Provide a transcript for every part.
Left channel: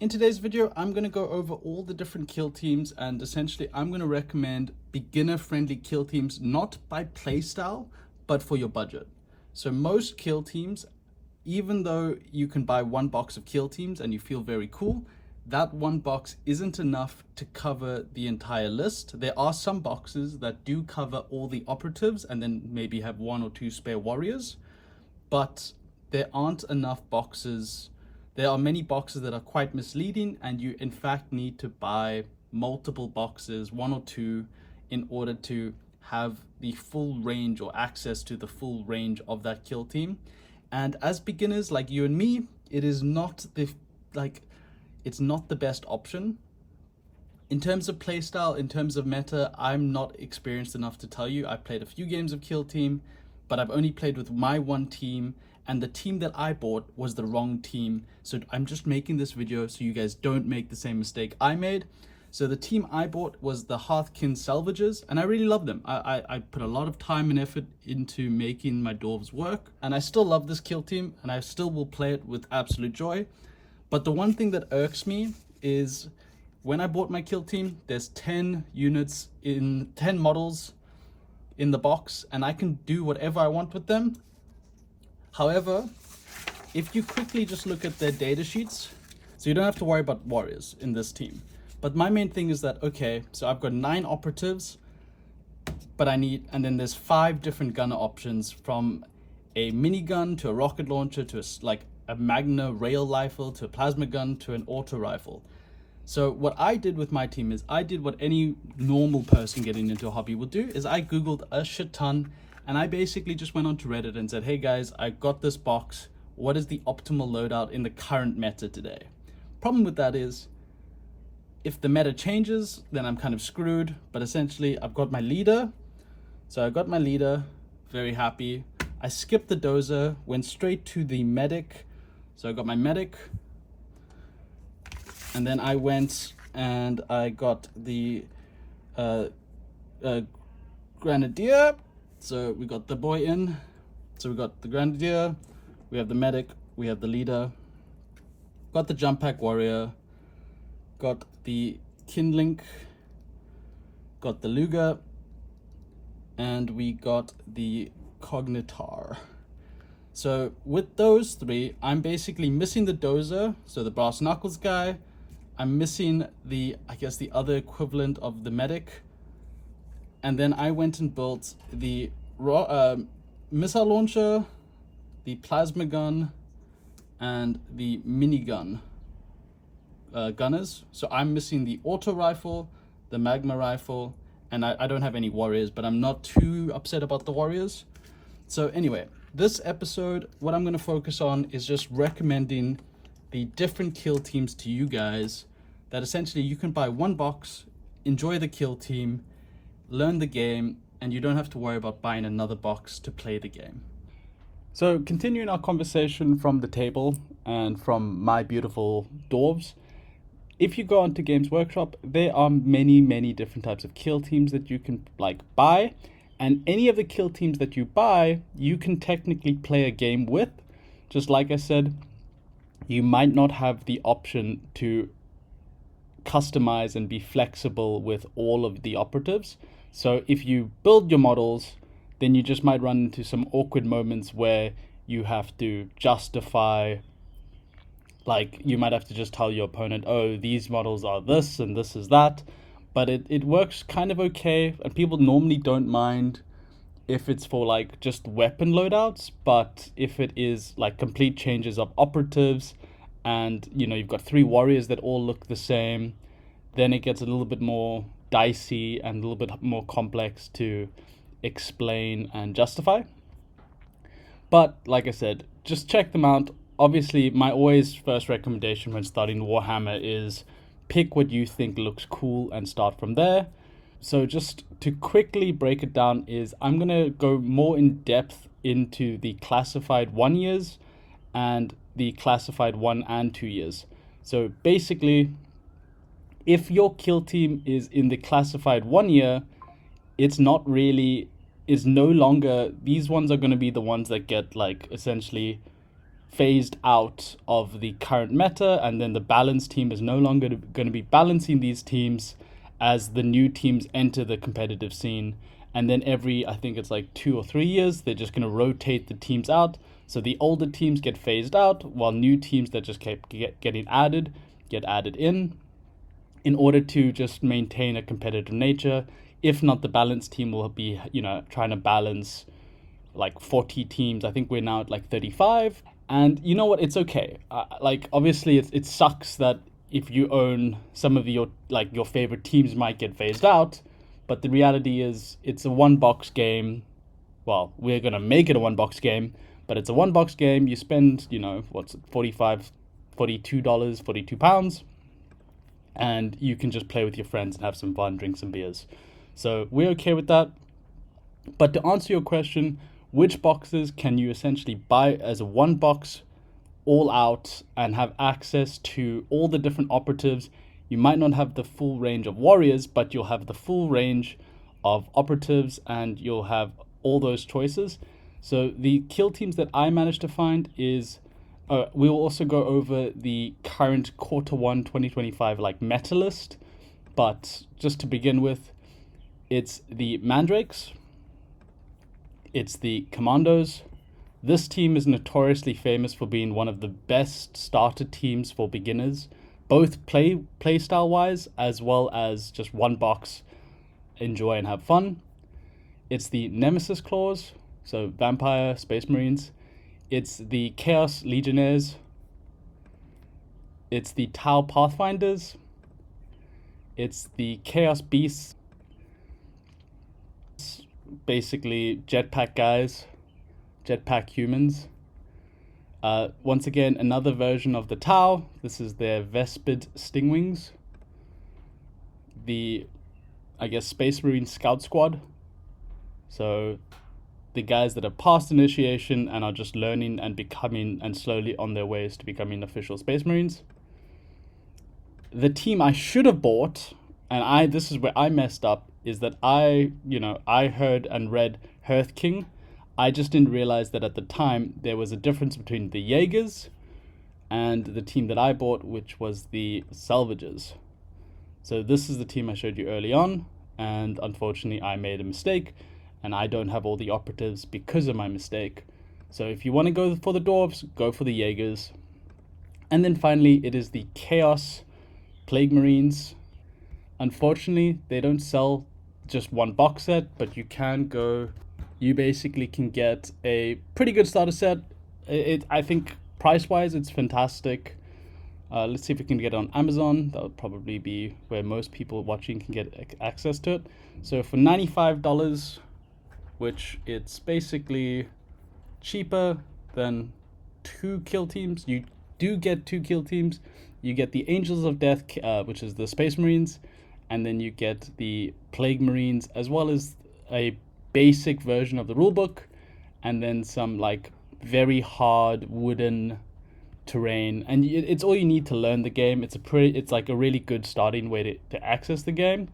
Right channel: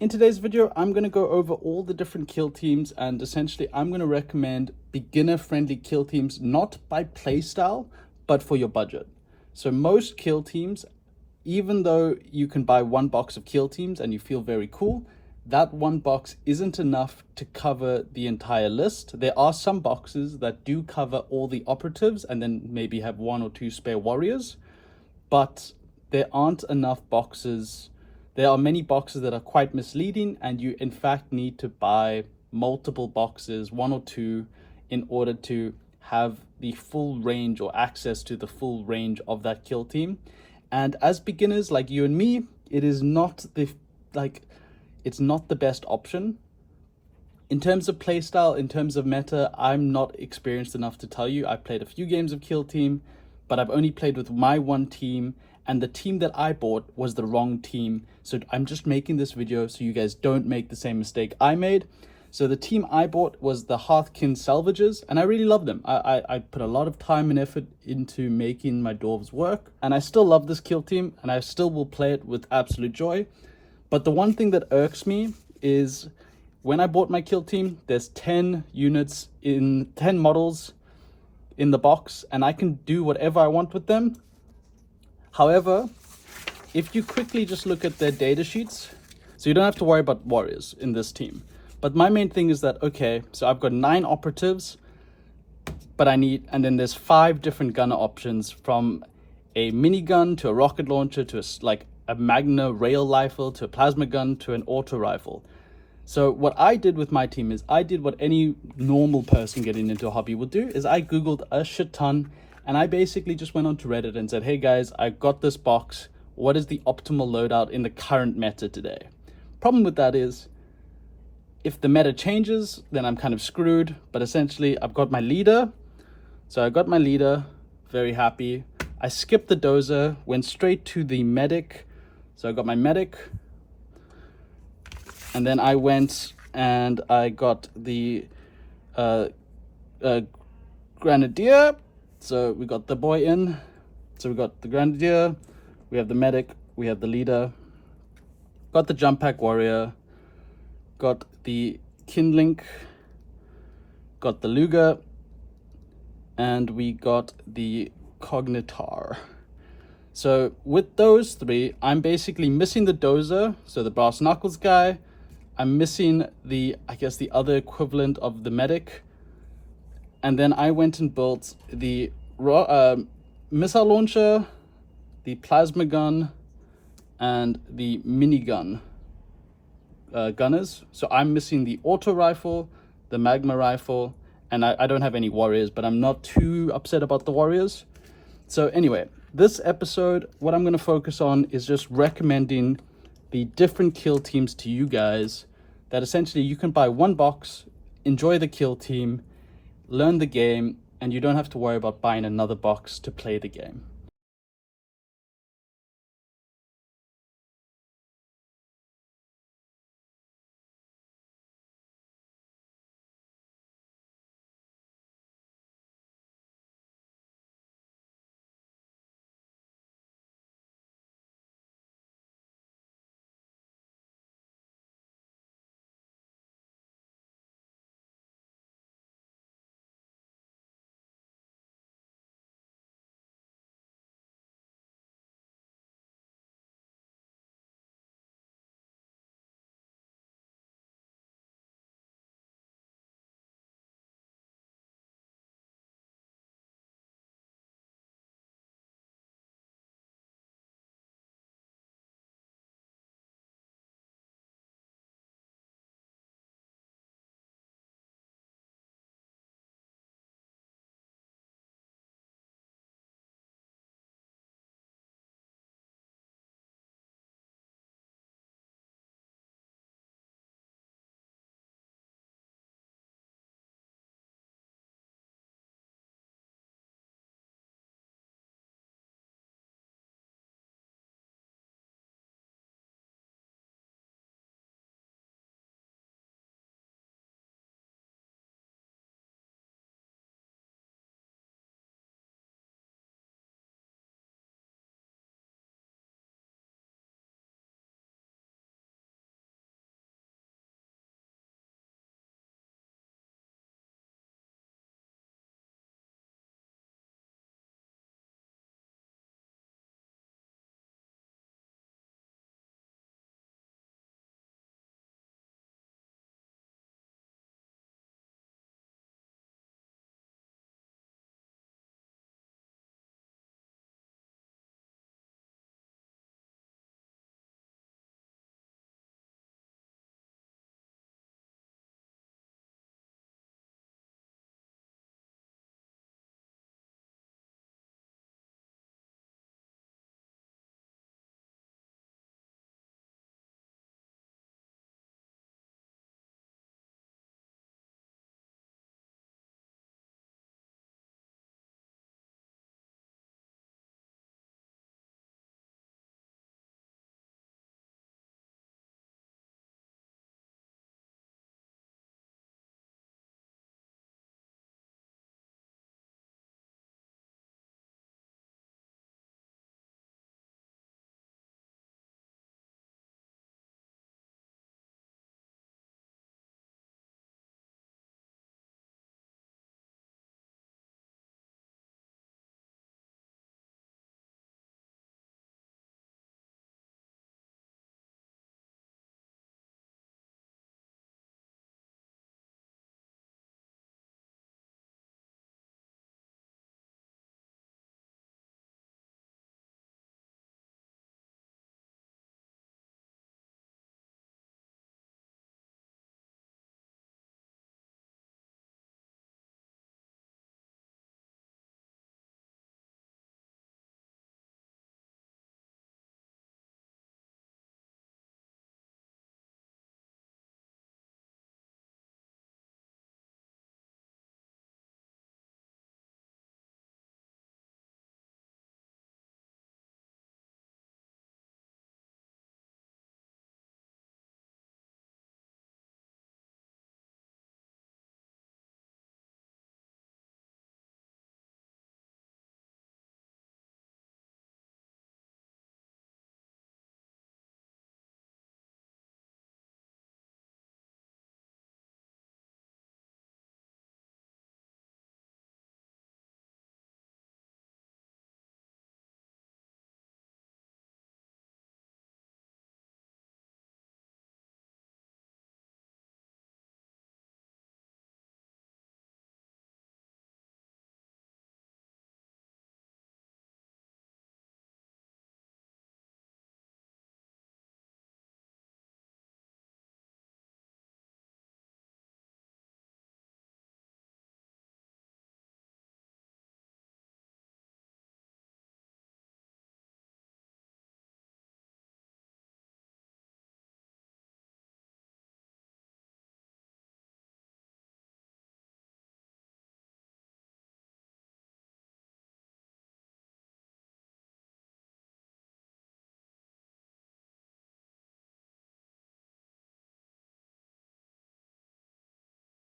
In today's video, I'm going to go over all the different kill teams, and essentially I'm going to recommend beginner-friendly kill teams, not by playstyle, but for your budget. So most kill teams, even though you can buy one box of kill teams and you feel very cool, that one box isn't enough to cover the entire list. There are some boxes that do cover all the operatives and then maybe have one or two spare warriors, but there aren't enough boxes. There are many boxes that are quite misleading, and you in fact need to buy multiple boxes, one or two, in order to have the full range or access to the full range of that kill team. And as beginners like you and me, it is not it's not the best option. In terms of playstyle, in terms of meta, I'm not experienced enough to tell you. I've played a few games of Killteam, but I've only played with my one team, and the team that I bought was the wrong team. So I'm just making this video so you guys don't make the same mistake I made. So the team I bought was the Hearthkin Salvages, and I really love them. I put a lot of time and effort into making my dwarves work, and I still love this kill team, and I still will play it with absolute joy. But the one thing that irks me is when I bought my kill team, there's 10 models in the box, and I can do whatever I want with them. However, if you quickly just look at their data sheets, so you don't have to worry about warriors in this team. But my main thing is that, okay, so I've got 9 operatives, but and then there's 5 different gunner options, from a minigun to a rocket launcher to a Magna rail rifle to a plasma gun to an auto rifle. So what I did with my team is I did what any normal person getting into a hobby would do, is I Googled a shit ton, and I basically just went onto Reddit and said, hey guys, I got this box. What is the optimal loadout in the current meta today? Problem with that is, if the meta changes, then I'm kind of screwed. But essentially, I've got my leader. So I got my leader, very happy. I skipped the dozer, went straight to the medic. So I got my medic. And then I went and I got the grenadier. So we got the boy in. So we got the grenadier, we have the medic, we have the leader, got the jump pack warrior, got the kindling, got the Luger, and we got the cognitar. So with those 3, I'm basically missing the dozer, so the brass knuckles guy. I'm missing the other equivalent of the medic. And then I went and built the missile launcher, the plasma gun, and the minigun gunners. So I'm missing the auto rifle, the magma rifle, and I don't have any warriors, but I'm not too upset about the warriors. So anyway, this episode, what I'm going to focus on is just recommending the different kill teams to you guys, that essentially you can buy one box, enjoy the kill team, learn the game, and you don't have to worry about buying another box to play the game. So continuing our conversation from the table and from my beautiful dwarves, if you go onto Games Workshop, there are many different types of kill teams that you can buy, and any of the kill teams that you buy, you can technically play a game with. Just like I said, you might not have the option to customize and be flexible with all of the operatives. So if you build your models, then you just might run into some awkward moments where you have to justify, you might have to just tell your opponent, oh, these models are this and this is that. But it works kind of okay, and people normally don't mind if it's for just weapon loadouts. But if it is complete changes of operatives, and you've got 3 warriors that all look the same, then it gets a little bit more dicey and a little bit more complex to explain and justify. But like I said, just check them out. Obviously, my always first recommendation when starting Warhammer is pick what you think looks cool and start from there. So just to quickly break it down, is I'm going to go more in depth into the classified 1 years and the classified 1 and 2 years. So basically, if your kill team is in the classified 1 year, it's no longer, these ones are going to be the ones that get essentially phased out of the current meta, and then the balance team is no longer going to be balancing these teams as the new teams enter the competitive scene. And then every, I think it's like 2 or 3 years, they're just going to rotate the teams out. So the older teams get phased out, while new teams that just kept getting added get added in order to just maintain a competitive nature. If not, the balance team will be, trying to balance like 40 teams. I think we're now at like 35. And you know what? It's okay. Like, obviously, it sucks that if you own some of your favorite teams might get phased out, but the reality is it's a one box game. Well, we're gonna make it a one box game, but it's a one box game. You spend, what's it, $42, £42, and you can just play with your friends and have some fun, drink some beers. So we're okay with that. But to answer your question, which boxes can you essentially buy as a one box all out and have access to all the different operatives? You might not have the full range of warriors, but you'll have the full range of operatives and you'll have all those choices. So the kill teams that I managed to find is we will also go over the current Q1 2025 like meta list, but just to begin with, it's the Mandrakes, it's the Commandos. This team is notoriously famous for being one of the best starter teams for beginners, both play style wise as well as just one box, enjoy and have fun. It's the Nemesis Claws, so Vampire, Space Marines. It's the Chaos Legionnaires. It's the Tau Pathfinders. It's the Chaos Beasts. Basically jetpack guys, jetpack humans. Once again, another version of the Tau. This is their Vespid Stingwings. The, I guess, Space Marine Scout Squad. So the guys that are past initiation and are just learning and becoming and slowly on their ways to becoming official Space Marines. The team I should have bought, and this is where I messed up, is that I heard and read Hearth King. I just didn't realize that at the time there was a difference between the Jaegers and the team that I bought, which was the Salvagers. So this is the team I showed you early on, and unfortunately I made a mistake, and I don't have all the operatives because of my mistake. So if you want to go for the Dwarves, go for the Jaegers. And then finally, it is the Chaos Plague Marines. Unfortunately, they don't sell just one box set, but you basically can get a pretty good starter set. I think price-wise, it's fantastic. Let's see if we can get it on Amazon. That would probably be where most people watching can get access to it. So for $95, which it's basically cheaper than 2 kill teams. You do get 2 kill teams. You get the Angels of Death, which is the Space Marines, and then you get the Plague Marines, as well as a basic version of the rulebook, and then some like very hard wooden terrain. And it's all you need to learn the game. It's like a really good starting way to access the game.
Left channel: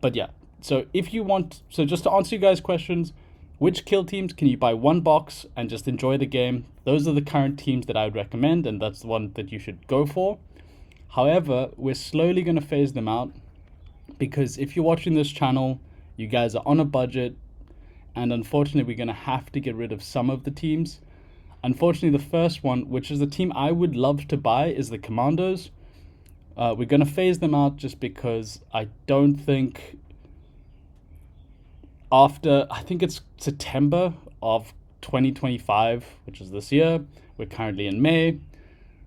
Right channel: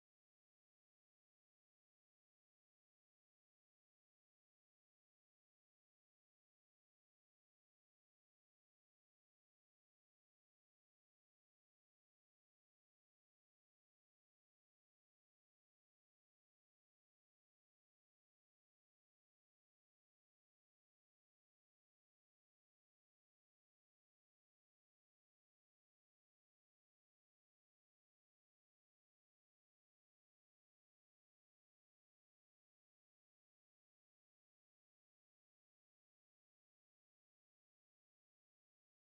But yeah, so just to answer you guys' questions, which kill teams can you buy one box and just enjoy the game? Those are the current teams that I would recommend, and that's the one that you should go for. However, we're slowly going to phase them out, because if you're watching this channel, you guys are on a budget, and unfortunately we're going to have to get rid of some of the teams. Unfortunately, the first one, which is the team I would love to buy, is the Commandos. We're going to phase them out just because I don't think I think it's September of 2025, which is this year. We're currently in May.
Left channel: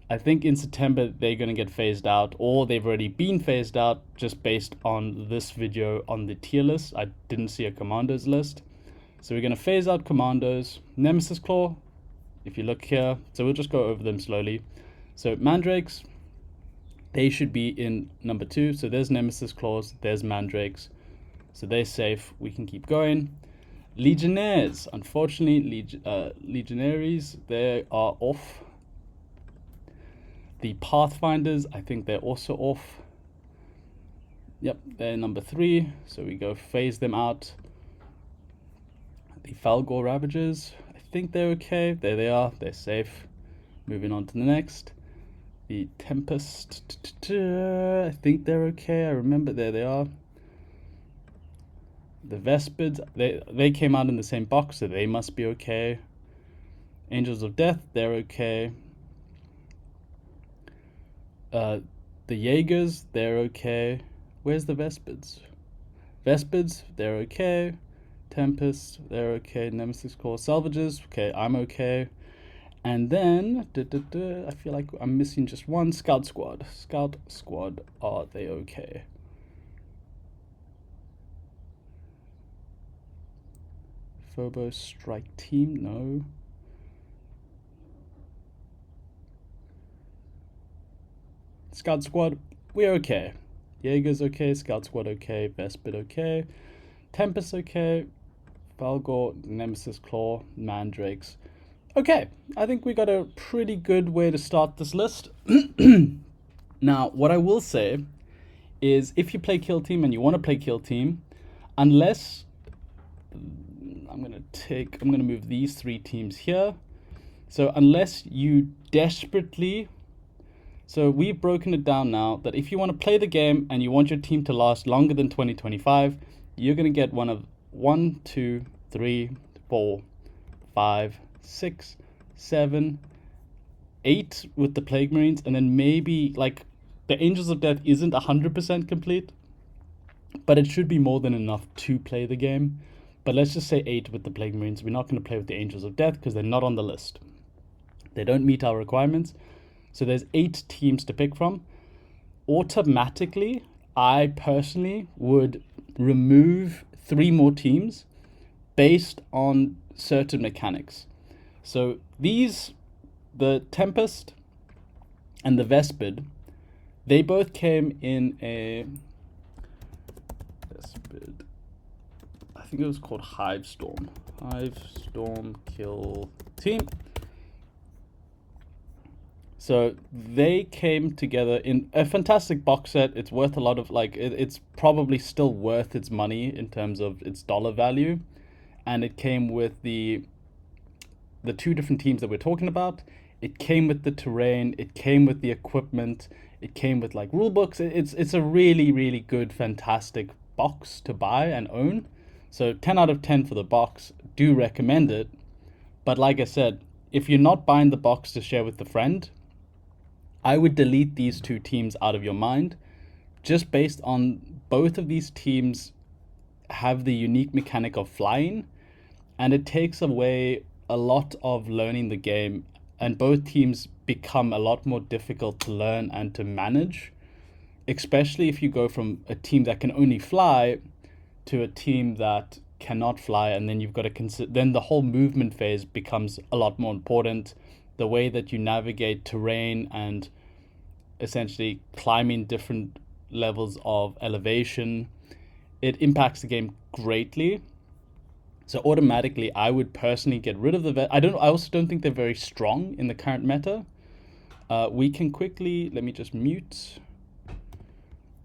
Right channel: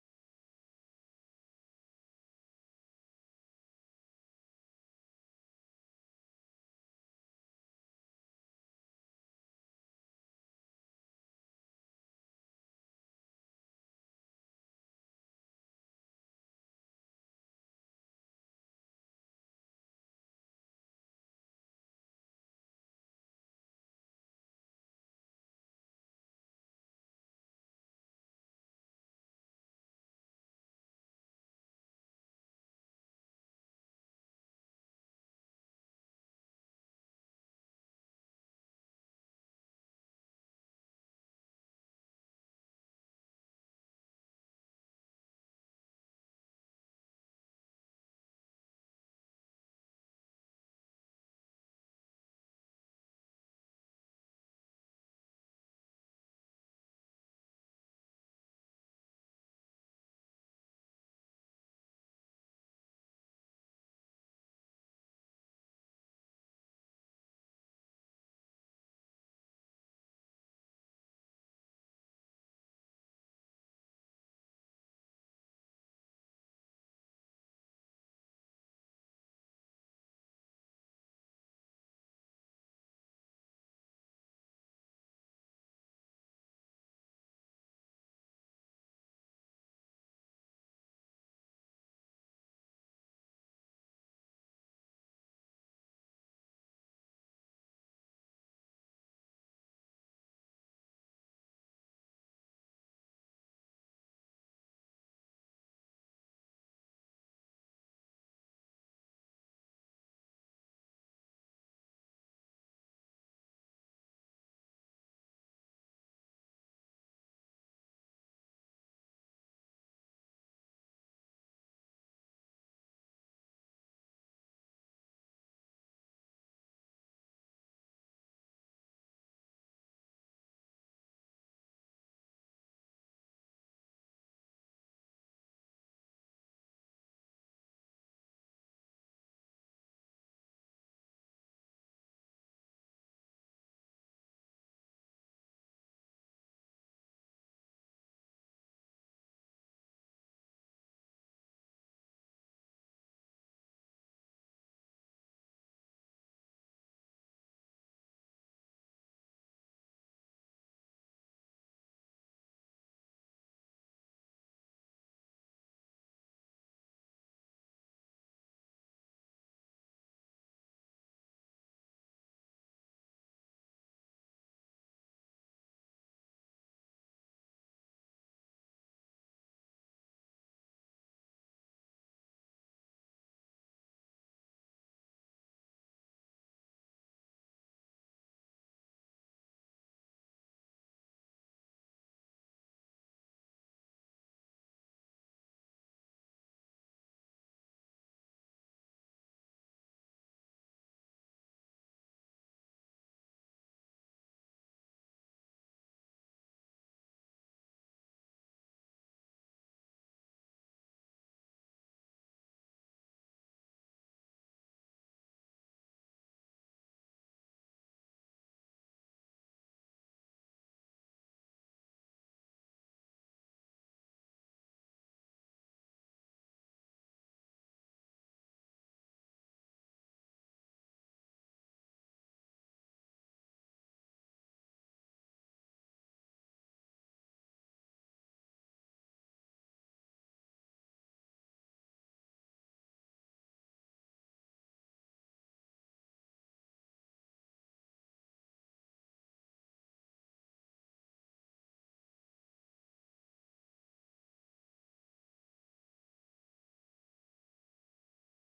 I think in September they're going to get phased out, or they've already been phased out just based on this video on the tier list. I didn't see a Commandos list. So we're going to phase out Commandos. Nemesis Claw, if you look here, so we'll just go over them slowly. So Mandrakes, they should be in number 2. So there's Nemesis Claws, there's Mandrakes. So they're safe, we can keep going. Legionnaires, unfortunately, Legionaries, they are off. The Pathfinders, I think they're also off. Yep, they're number 3, so we go phase them out. The Falgor Ravagers, I think they're okay. There they are, they're safe. Moving on to the next. The Tempest. I think they're okay. I remember there they are. The Vespids, they came out in the same box, so they must be okay. Angels of Death, they're okay. The Jaegers, they're okay. Where's the Vespids? Vespids, they're okay. Tempest, they're okay. Nemesis Core Salvages, okay, I'm okay. And then, I feel like I'm missing just one. Scout Squad. Scout Squad, are they okay? Phobos Strike Team, no. Scout Squad, we're okay. Jaeger's okay, Scout Squad okay, Vespid okay, Tempest okay, Valgor, Nemesis Claw, Mandrakes. Okay, I think we got a pretty good way to start this list. Now, what I will say is if you play Killteam and you want to play Killteam, unless I'm gonna move these 3 teams here. So unless you desperately, so we've broken it down now that if you want to play the game and you want your team to last longer than 2025, you're gonna get one of 1, 2, 3, 4, 5, 6, 7, 8 with the Plague Marines, and then maybe like the Angels of Death isn't 100% complete, but it should be more than enough to play the game. But let's just say 8 with the Plague Marines. We're not going to play with the Angels of Death because they're not on the list. They don't meet our requirements. So there's 8 teams to pick from. Automatically, I personally would remove 3 more teams based on certain mechanics. So these, the Tempest and the Vespid, they both came in a Vespid, I think it was called Hive Storm Kill Team. So they came together in a fantastic box set. It's worth a lot of, like, it's probably still worth its money in terms of its dollar value. And it came with the 2 different teams that we're talking about. It came with the terrain, it came with the equipment, it came with like rule books. It's a really, really good, fantastic box to buy and own. So 10 out of 10 for the box. Do recommend it. But like I said, if you're not buying the box to share with a friend, I would delete these 2 teams out of your mind, just based on both of these teams have the unique mechanic of flying, and it takes away a lot of learning the game, and both teams become a lot more difficult to learn and to manage, especially if you go from a team that can only fly to a team that cannot fly, and then you've got to consider, then the whole movement phase becomes a lot more important. The way that you navigate terrain and essentially climbing different levels of elevation, it impacts the game greatly. So automatically, I would personally get rid of the I also don't think they're very strong in the current meta. We can quickly, let me just mute.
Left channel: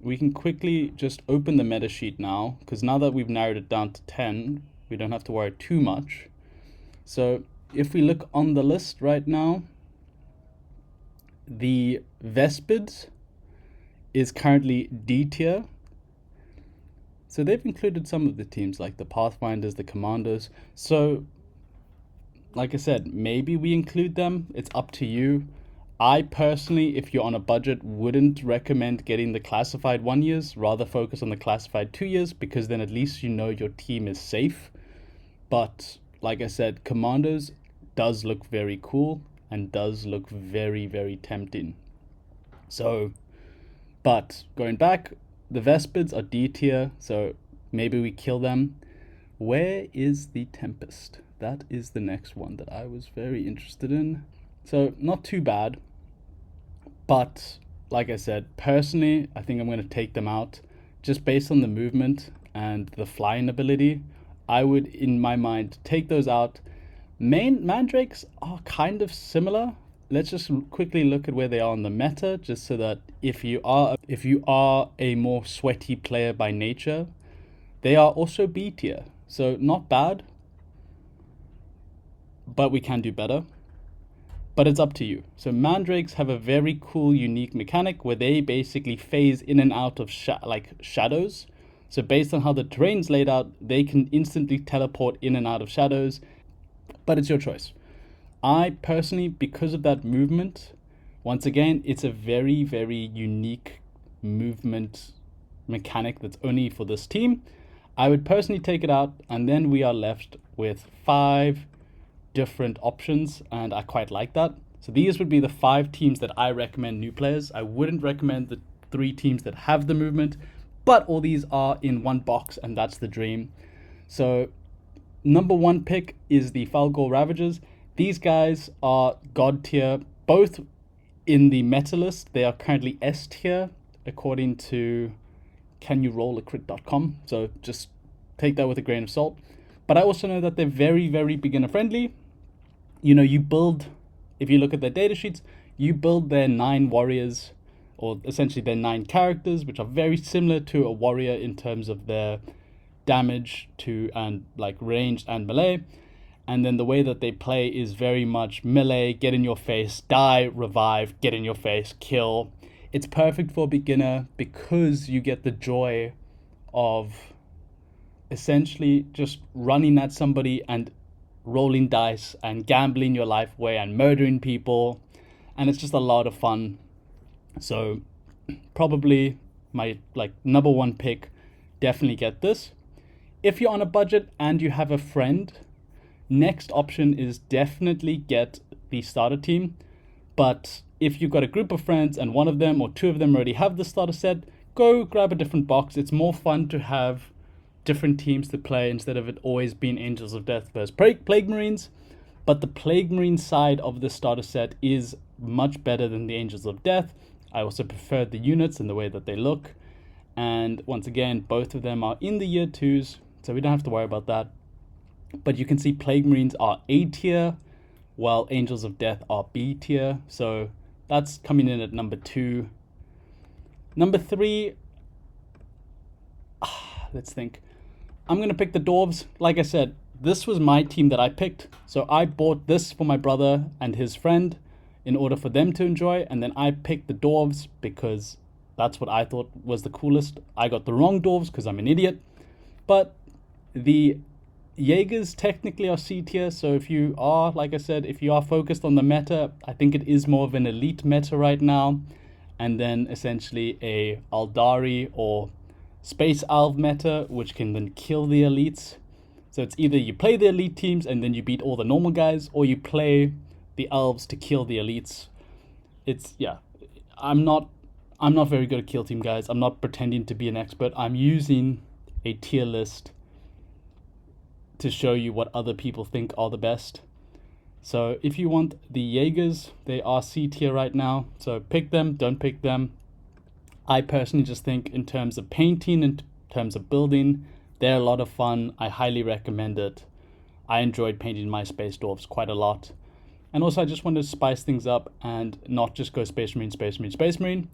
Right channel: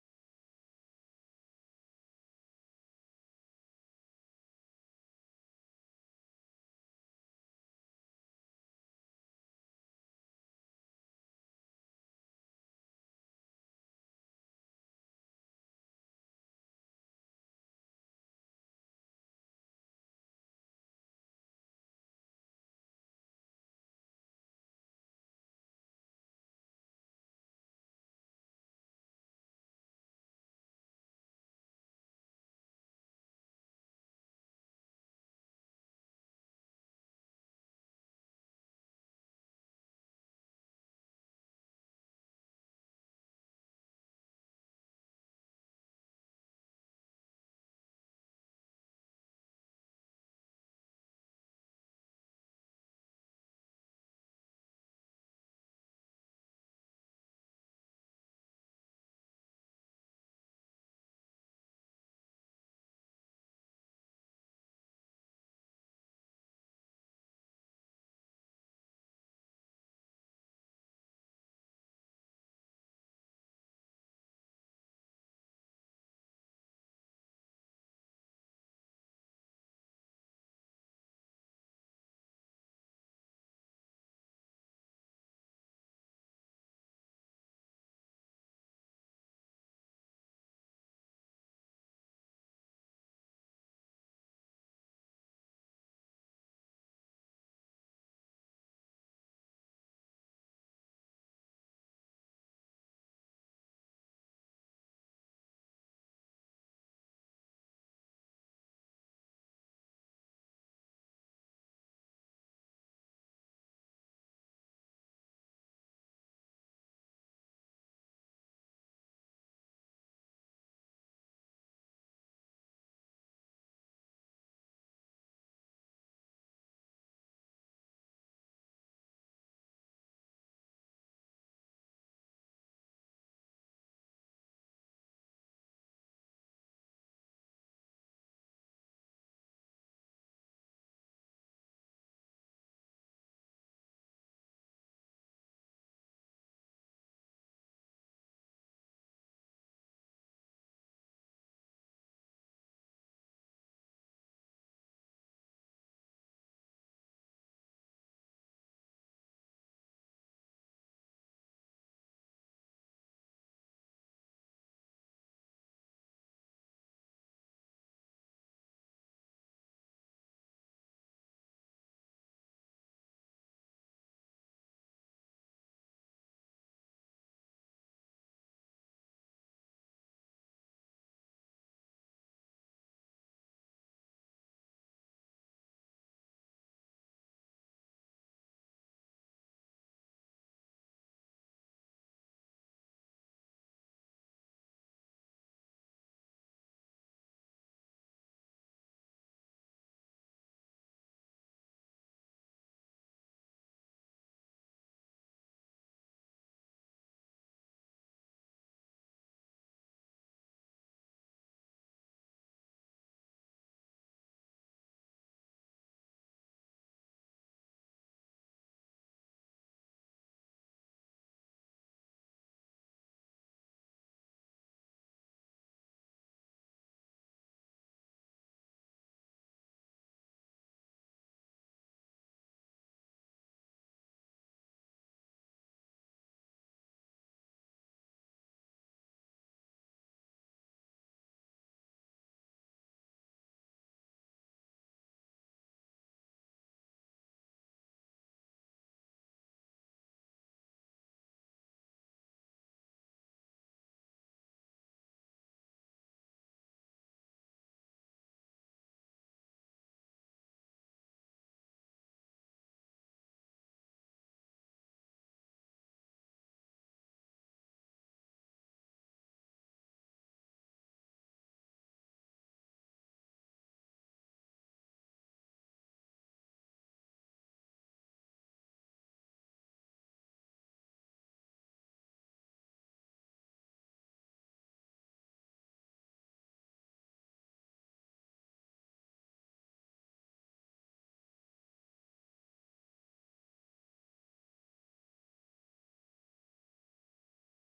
We can quickly just open the meta sheet now, because now that we've narrowed it down to 10, we don't have to worry too much. So if we look on the list right now, the Vespids is currently D tier. So they've included some of the teams like the Pathfinders, the Commandos. So like I said, maybe we include them. It's up to you. I personally, if you're on a budget, wouldn't recommend getting the classified 1 years. Rather focus on the classified 2 years, because then at least you know your team is safe. But like I said, Commandos does look very cool and does look very, very tempting. So, but going back, the Vespids are D tier, so maybe we kill them. Where is the Tempest? That is the next one that I was very interested in. So not too bad, but like I said, personally, I think I'm going to take them out just based on the movement and the flying ability. I would, in my mind, take those out. Mandrakes are kind of similar. Let's just quickly look at where they are on the meta, just so that if you are a more sweaty player by nature, they are also B tier. So not bad, but we can do better. but it's up to you. So mandrakes have a very cool, unique mechanic where they basically phase in and out of shadows. So based on how the terrain's laid out, they can instantly teleport in and out of shadows, but it's your choice. I personally, because of that movement, once again, it's a very, very unique movement mechanic that's only for this team. I would personally take it out, and then we are left with 5 different options, and I quite like that. So these would be the 5 teams that I recommend new players. I wouldn't recommend the 3 teams that have the movement, but all these are in one box, and that's the dream. So number 1 pick is the Falgor Ravagers. These guys are god tier, both in the meta list. They are currently S tier according to canyourollacrit.com. So just take that with a grain of salt. But I also know that they're very, very beginner friendly. You know, you build, if you look at their data sheets, you build their 9 warriors, or essentially their 9 characters, which are very similar to a warrior in terms of their damage to and like range and melee. And then the way that they play is very much melee, get in your face, die, revive, get in your face, kill. It's perfect for a beginner because you get the joy of essentially just running at somebody and rolling dice and gambling your life away and murdering people. And it's just a lot of fun. So probably my number 1 pick, definitely get this. If you're on a budget and you have a friend, next option is definitely get the starter team. But if you've got a group of friends and one of them or 2 of them already have the starter set, go grab a different box. It's more fun to have different teams to play instead of it always being Angels of Death versus Plague Marines. But the Plague Marine side of the starter set is much better than the Angels of Death. I also prefer the units and the way that they look. And once again, both of them are in the year 2s, so we don't have to worry about that. But you can see Plague Marines are A tier, while Angels of Death are B tier. So that's coming in at number 2. Number 3, let's think. I'm going to pick the Dwarves. Like I said, this was my team that I picked. So I bought this for my brother and his friend in order for them to enjoy. And then I picked the Dwarves because that's what I thought was the coolest. I got the wrong Dwarves because I'm an idiot. But the Jaegers technically are C tier, so if you are, like I said, if you are focused on the meta, I think it is more of an elite meta right now. And then essentially a Aldari or Space Alv meta, which can then kill the elites. So it's either you play the elite teams and then you beat all the normal guys, or you play the elves to kill the elites. It's, yeah, I'm not very good at kill team, guys. I'm not pretending to be an expert. I'm using a tier list to show you what other people think are the best. So if you want the Jaegers, they are C tier right now. So pick them, don't pick them. I personally just think in terms of painting, in terms of building, they're a lot of fun. I highly recommend it. I enjoyed painting my Space Dwarfs quite a lot. And also I just wanted to spice things up and not just go Space Marine, Space Marine, Space Marine.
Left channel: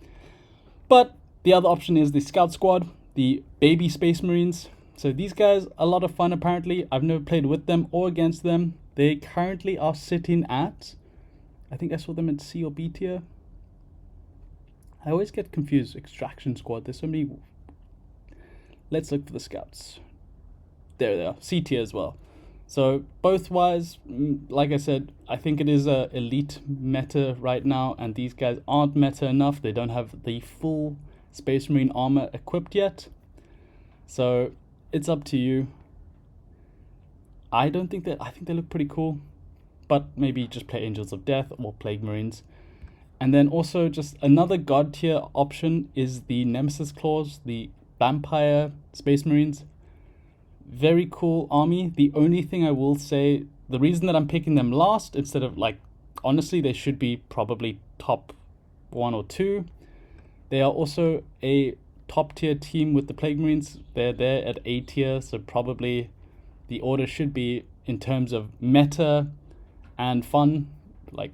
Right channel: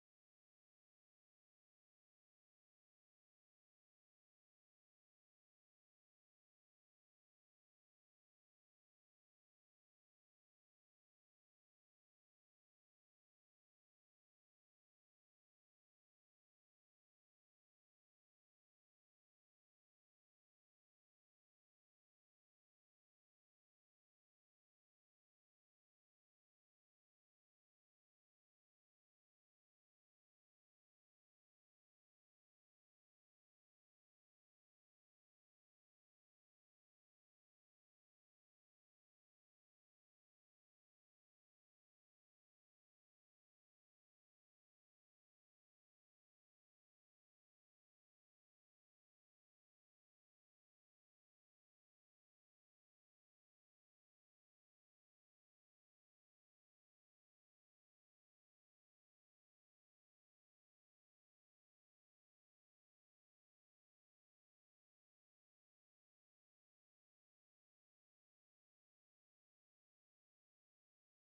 But the other option is the Scout Squad, the baby Space Marines. So these guys, a lot of fun apparently. I've never played with them or against them. They currently are sitting at, I think I saw them at C or B tier. I always get confused. Extraction Squad, there's so many. Let's look for the Scouts. There they are, C tier as well. So both wise, like I said, I think it is a elite meta right now, and these guys aren't meta enough. They don't have the full Space Marine armor equipped yet. So it's up to you. I think they look pretty cool, but maybe just play Angels of Death or Plague Marines. And then also just another god tier option is the Nemesis Claws, the Vampire Space Marines. Very cool army. The only thing I will say, the reason that I'm picking them last instead of honestly, they should be probably top 1 or 2. They are also a top tier team with the Plague Marines. They're there at A tier, so probably the order should be in terms of meta and fun, like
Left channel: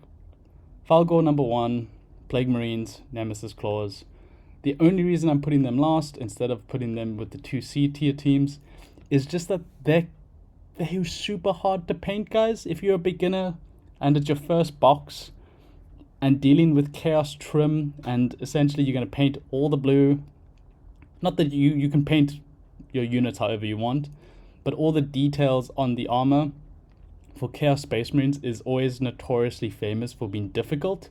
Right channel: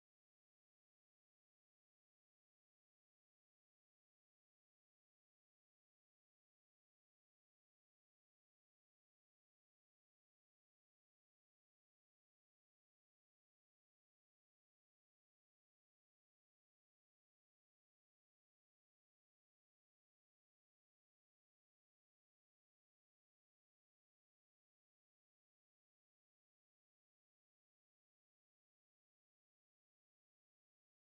Falgor number 1, Plague Marines, Nemesis Claws. The only reason I'm putting them last instead of putting them with the 2 C tier teams is just that they're super hard to paint, guys. If you're a beginner and it's your first box, and dealing with chaos trim, and essentially you're going to paint all the blue. Not that you can paint your units however you want, but all the details on the armor for Chaos Space Marines is always notoriously famous for being difficult.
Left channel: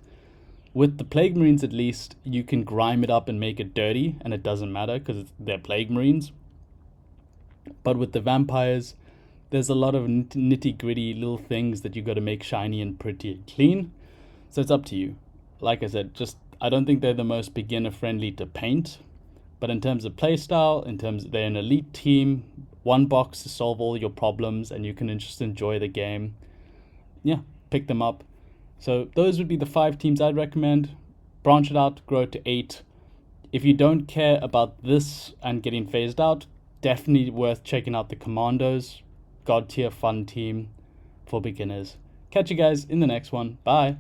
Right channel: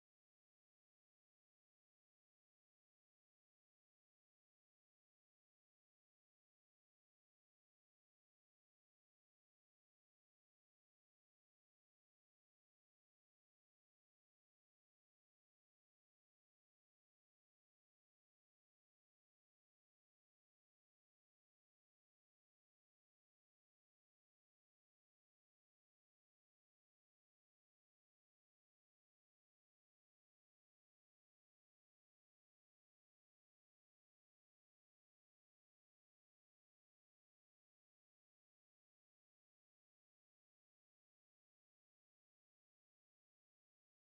With the Plague Marines at least, you can grime it up and make it dirty, and it doesn't matter because they're Plague Marines. But with the Vampires, there's a lot of nitty gritty little things that you got to make shiny and pretty and clean. So it's up to you. Like I said, I don't think they're the most beginner friendly to paint. But in terms of playstyle, they're an elite team, one box to solve all your problems, and you can just enjoy the game. Yeah, pick them up. So those would be the 5 teams I'd recommend. Branch it out, grow it to 8. If you don't care about this and getting phased out, definitely worth checking out the Commandos. God tier fun team for beginners. Catch you guys in the next one. Bye.